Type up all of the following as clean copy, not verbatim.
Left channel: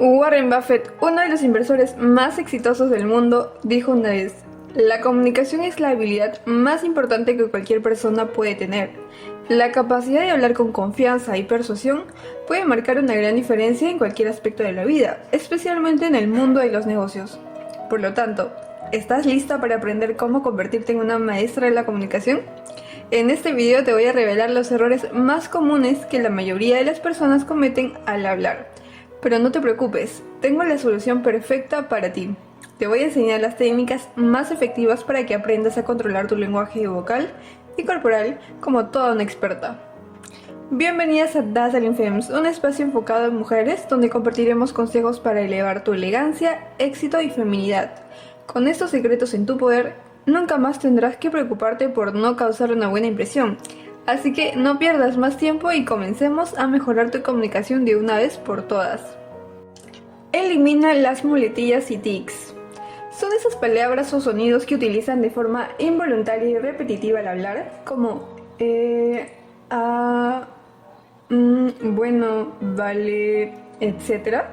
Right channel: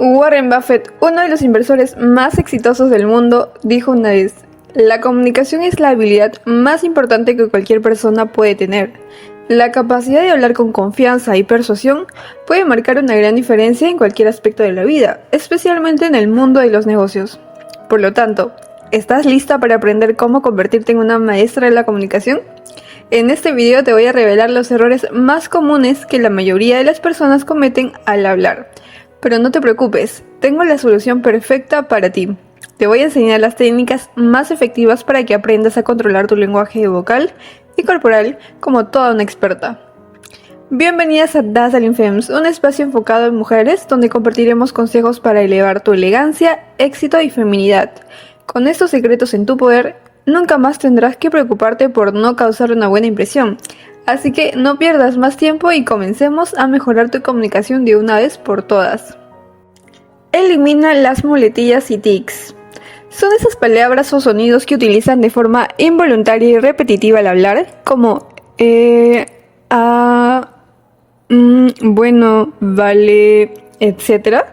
Warren Buffett, uno de los inversores más exitosos del mundo, dijo una vez: "La comunicación es la habilidad más importante que cualquier persona puede tener. La capacidad de hablar con confianza y persuasión puede marcar una gran diferencia en cualquier aspecto de la vida, especialmente en el mundo de los negocios". Por lo tanto, ¿estás lista para aprender cómo convertirte en una maestra de la comunicación? En este video te voy a revelar los errores más comunes que la mayoría de las personas cometen al hablar. Pero no te preocupes, tengo la solución perfecta para ti. Te voy a enseñar las técnicas más efectivas para que aprendas a controlar tu lenguaje vocal y corporal como toda una experta. Bienvenidas a Dazzling Femmes, un espacio enfocado en mujeres donde compartiremos consejos para elevar tu elegancia, éxito y feminidad. Con estos secretos en tu poder, nunca más tendrás que preocuparte por no causar una buena impresión. Así que no pierdas más tiempo y comencemos a mejorar tu comunicación de una vez por todas. Elimina las muletillas y tics. Son esas palabras o sonidos que utilizan de forma involuntaria y repetitiva al hablar, como bueno, vale, etc.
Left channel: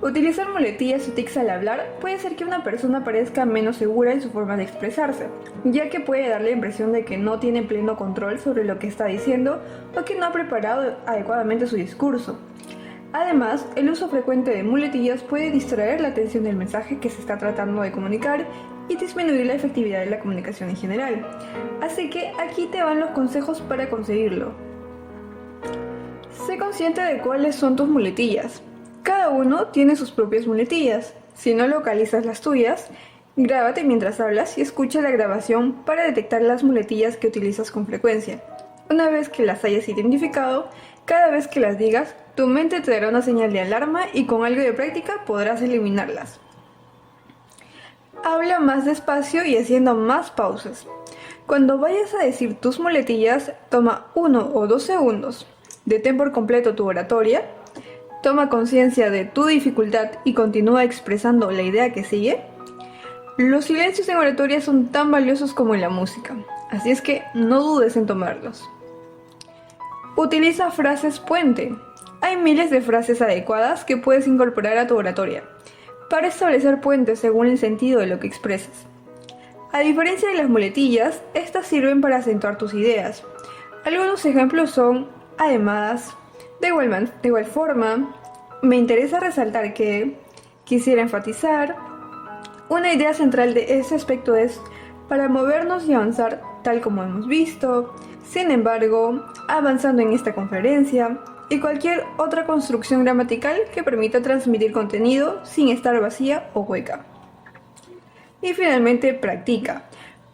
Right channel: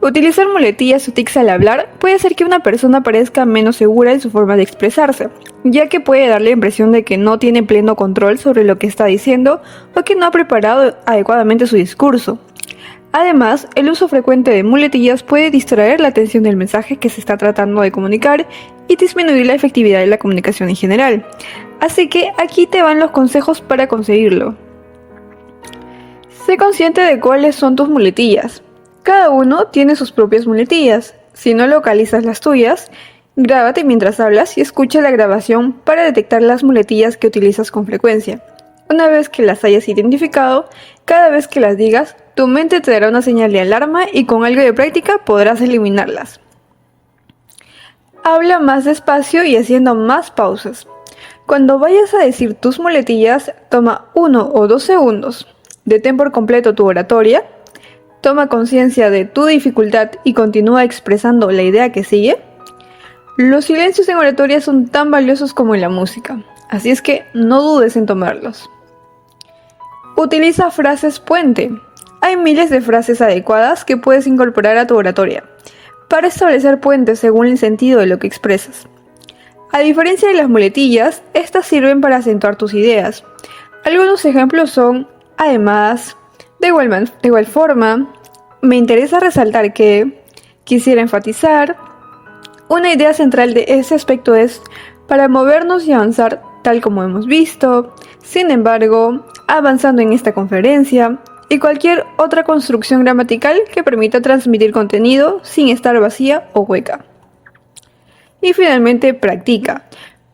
Utilizar muletillas o tics al hablar puede hacer que una persona parezca menos segura en su forma de expresarse, ya que puede dar la impresión de que no tiene pleno control sobre lo que está diciendo o que no ha preparado adecuadamente su discurso. Además, el uso frecuente de muletillas puede distraer la atención del mensaje que se está tratando de comunicar y disminuir la efectividad de la comunicación en general. Así que aquí te van los consejos para conseguirlo. Sé consciente de cuáles son tus muletillas. Cada uno tiene sus propias muletillas. Si no localizas las tuyas, grábate mientras hablas y escucha la grabación para detectar las muletillas que utilizas con frecuencia. Una vez que las hayas identificado, cada vez que las digas, tu mente te dará una señal de alarma y con algo de práctica podrás eliminarlas. Habla más despacio y haciendo más pausas. Cuando vayas a decir tus muletillas, toma 1 o 2 segundos. Detén por completo tu oratoria. Toma conciencia de tu dificultad y continúa expresando la idea que sigue. Los silencios en oratoria son tan valiosos como en la música, así es que no dudes en tomarlos. Utiliza frases puente. Hay miles de frases adecuadas que puedes incorporar a tu oratoria para establecer puentes según el sentido de lo que expresas. A diferencia de las muletillas, estas sirven para acentuar tus ideas. Algunos ejemplos son: además, de igual forma, me interesa resaltar que, quisiera enfatizar. Una idea central de ese aspecto es: para movernos y avanzar tal como hemos visto, sin embargo, avanzando en esta conferencia, y cualquier otra construcción gramatical que permita transmitir contenido sin estar vacía o hueca. Y finalmente, practica.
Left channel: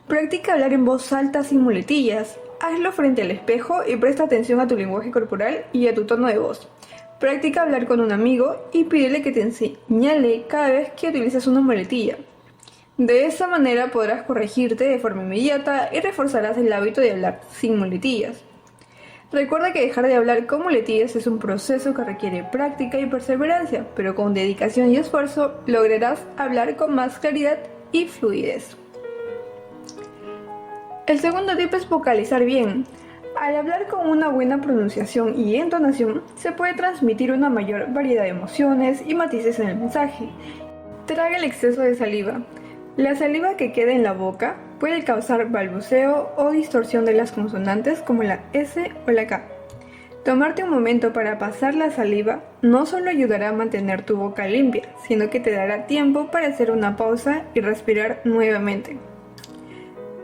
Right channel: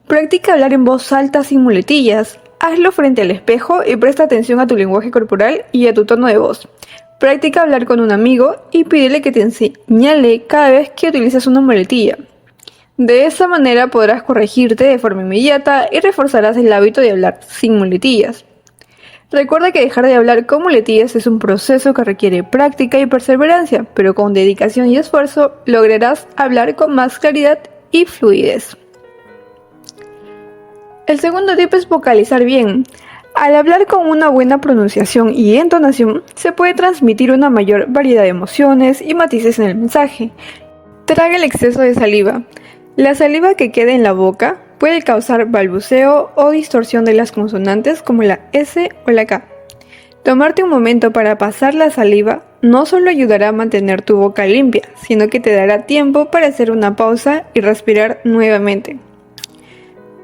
Practica hablar en voz alta sin muletillas. Hazlo frente al espejo y presta atención a tu lenguaje corporal y a tu tono de voz. Practica hablar con un amigo y pídele que te señale cada vez que utilizas una muletilla. De esa manera podrás corregirte de forma inmediata y reforzarás el hábito de hablar sin muletillas. Recuerda que dejar de hablar con muletillas es un proceso que requiere práctica y perseverancia, pero con dedicación y esfuerzo lograrás hablar con más claridad y fluidez. El segundo tip es vocalizar bien. Al hablar con una buena pronunciación y entonación, se puede transmitir una mayor variedad de emociones y matices en el mensaje. Traga el exceso de saliva. La saliva que queda en la boca puede causar balbuceo o distorsión de las consonantes como la S o la K. Tomarte un momento para pasar la saliva no solo ayudará a mantener tu boca limpia, sino que te dará tiempo para hacer una pausa y respirar nuevamente.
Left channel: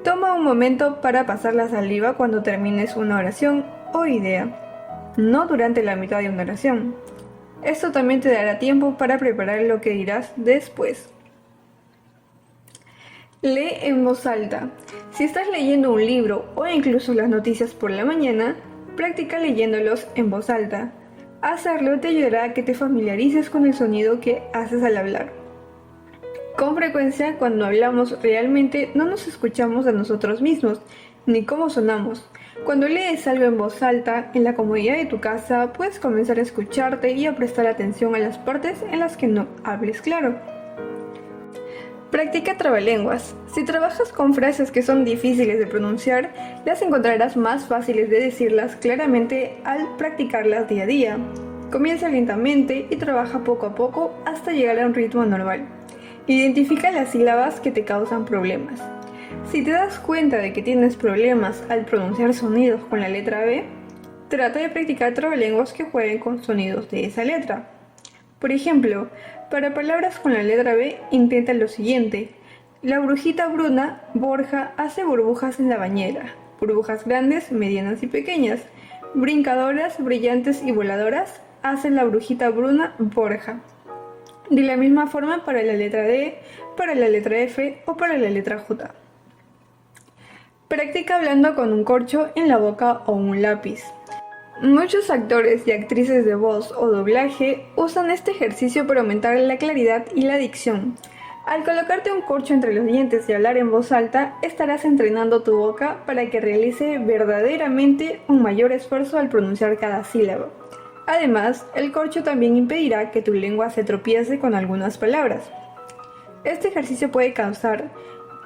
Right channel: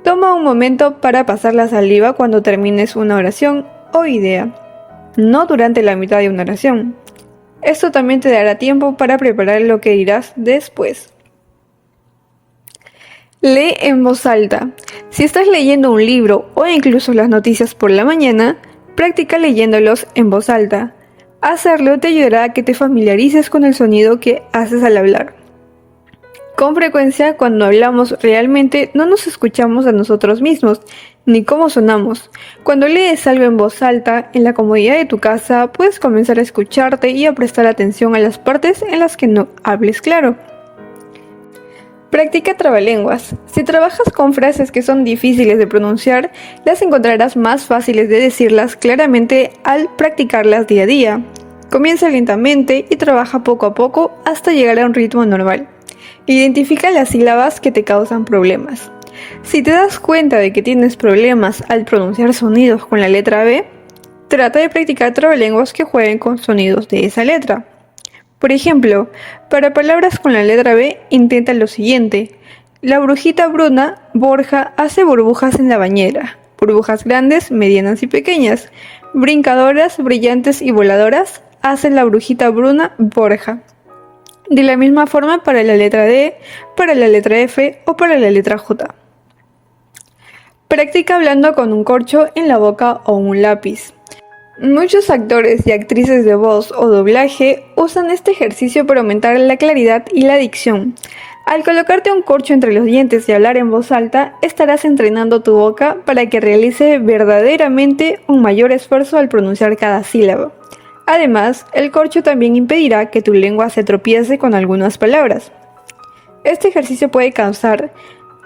Toma un momento para pasar la saliva cuando termines una oración o idea, no durante la mitad de una oración. Esto también te dará tiempo para preparar lo que dirás después. Lee en voz alta. Si estás leyendo un libro o incluso las noticias por la mañana, practica leyéndolos en voz alta. Hacerlo te ayudará a que te familiarices con el sonido que haces al hablar. Con frecuencia, cuando hablamos realmente no nos escuchamos a nosotros mismos, ni cómo sonamos. Cuando lees algo en voz alta, en la comodidad de tu casa, puedes comenzar a escucharte y a prestar atención a las partes en las que no hables claro. Practica trabalenguas. Si trabajas con frases que son difíciles de pronunciar, las encontrarás más fáciles de decirlas claramente al practicarlas día a día. Comienza lentamente y trabaja poco a poco hasta llegar a un ritmo normal. Identifica las sílabas que te causan problemas. Si te das cuenta de que tienes problemas al pronunciar sonidos con la letra B, trata de practicar trabalenguas que jueguen con sonidos de esa letra. Por ejemplo, para palabras con la letra B, intenta lo siguiente. La brujita Bruna, Borja, hace burbujas en la bañera. Burbujas grandes, medianas y pequeñas. Brincadoras, brillantes y voladoras, hace la brujita Bruna, Borja. De la misma forma para la letra D, para la letra F o para la letra J. Practica hablando con un corcho en la boca o un lápiz. Muchos actores y actrices de voz o doblaje usan este ejercicio para aumentar la claridad y la dicción. Al colocarte un corcho entre los dientes y hablar en voz alta, estarás entrenando tu boca para que realice verdaderamente un mayor esfuerzo al pronunciar cada sílaba. Además, el corcho también impedirá que tu lengua se tropiece con algunas palabras. Este ejercicio puede causar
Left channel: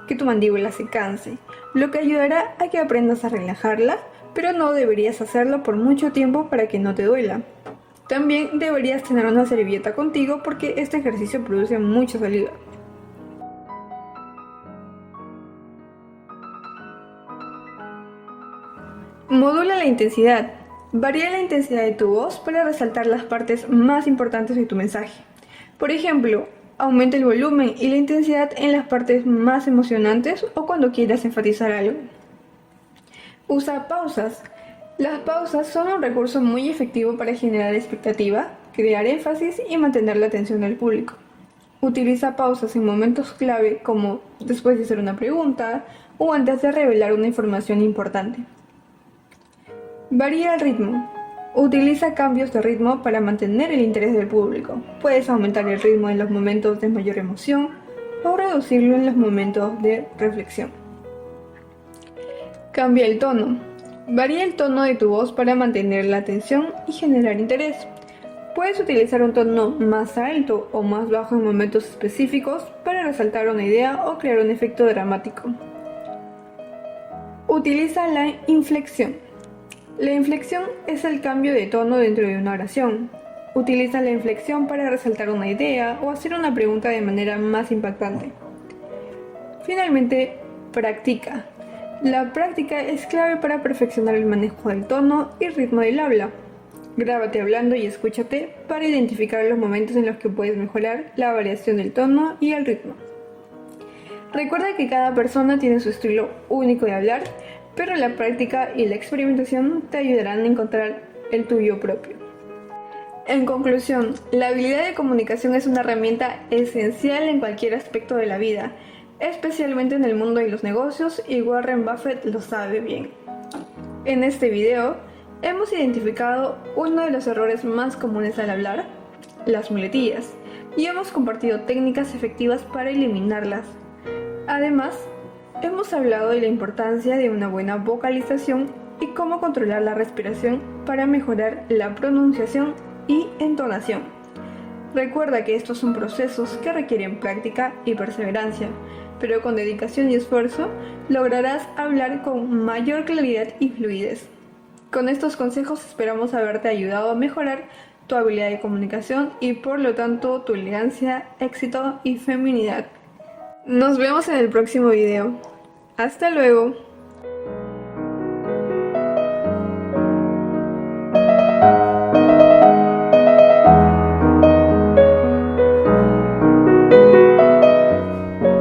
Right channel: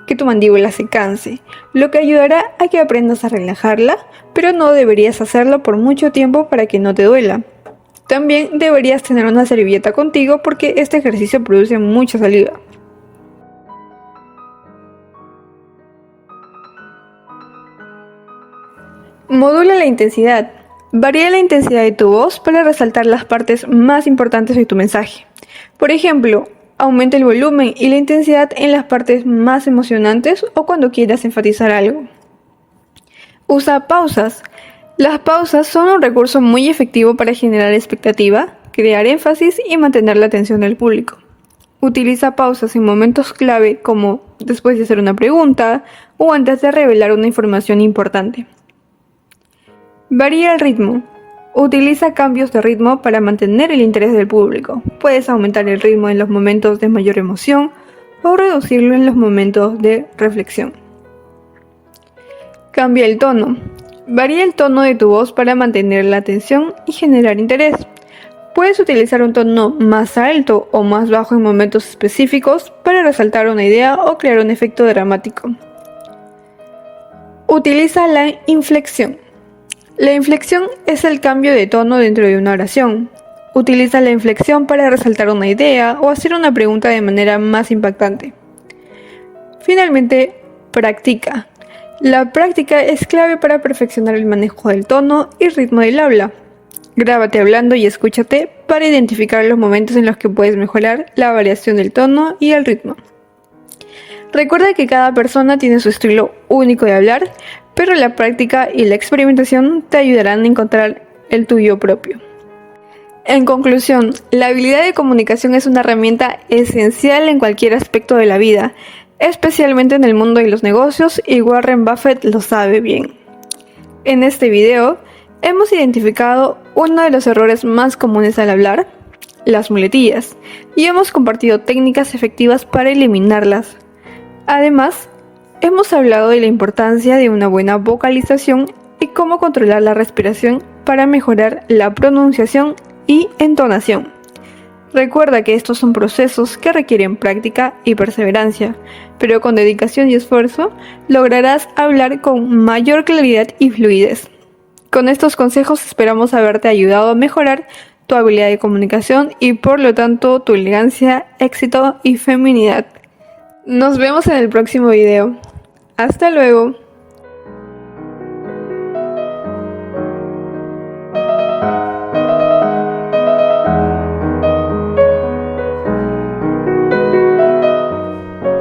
que tu mandíbula se canse, lo que ayudará a que aprendas a relajarla, pero no deberías hacerlo por mucho tiempo para que no te duela. También deberías tener una servilleta contigo porque este ejercicio produce mucha saliva. Modula la intensidad. Varía la intensidad de tu voz para resaltar las partes más importantes de tu mensaje. Por ejemplo, aumenta el volumen y la intensidad en las partes más emocionantes o cuando quieras enfatizar algo. Usa pausas. Las pausas son un recurso muy efectivo para generar expectativa, crear énfasis y mantener la atención del público. Utiliza pausas en momentos clave como después de hacer una pregunta o antes de revelar una información importante. Varía el ritmo. Utiliza cambios de ritmo para mantener el interés del público. Puedes aumentar el ritmo en los momentos de mayor emoción o reducirlo en los momentos de reflexión. Cambia el tono. Varía el tono de tu voz para mantener la atención y generar interés. Puedes utilizar un tono más alto o más bajo en momentos específicos para resaltar una idea o crear un efecto dramático. Utiliza la inflexión. La inflexión es el cambio de tono dentro de una oración. Utiliza la inflexión para resaltar una idea o hacer una pregunta de manera más impactante. Finalmente, practica. La práctica es clave para perfeccionar el manejo del tono y ritmo del habla. Grábate hablando y escúchate para identificar los momentos en los que puedes mejorar la variación del tono y el ritmo. Recuerda que cada persona tiene su estilo único de hablar, pero la práctica y la experimentación te ayudarán a encontrar el tuyo propio. En conclusión, la habilidad de comunicación es una herramienta esencial en cualquier aspecto de la vida, especialmente en el mundo de los negocios, y Warren Buffett lo sabe bien. En este video, hemos identificado uno de los errores más comunes al hablar, las muletillas, y hemos compartido técnicas efectivas para eliminarlas. Además, hemos hablado de la importancia de una buena vocalización y cómo controlar la respiración para mejorar la pronunciación y entonación. Recuerda que estos son procesos que requieren práctica y perseverancia, pero con dedicación y esfuerzo lograrás hablar con mayor claridad y fluidez. Con estos consejos esperamos haberte ayudado a mejorar tu habilidad de comunicación y por lo tanto tu elegancia, éxito y feminidad. Nos vemos en el próximo video. Hasta luego.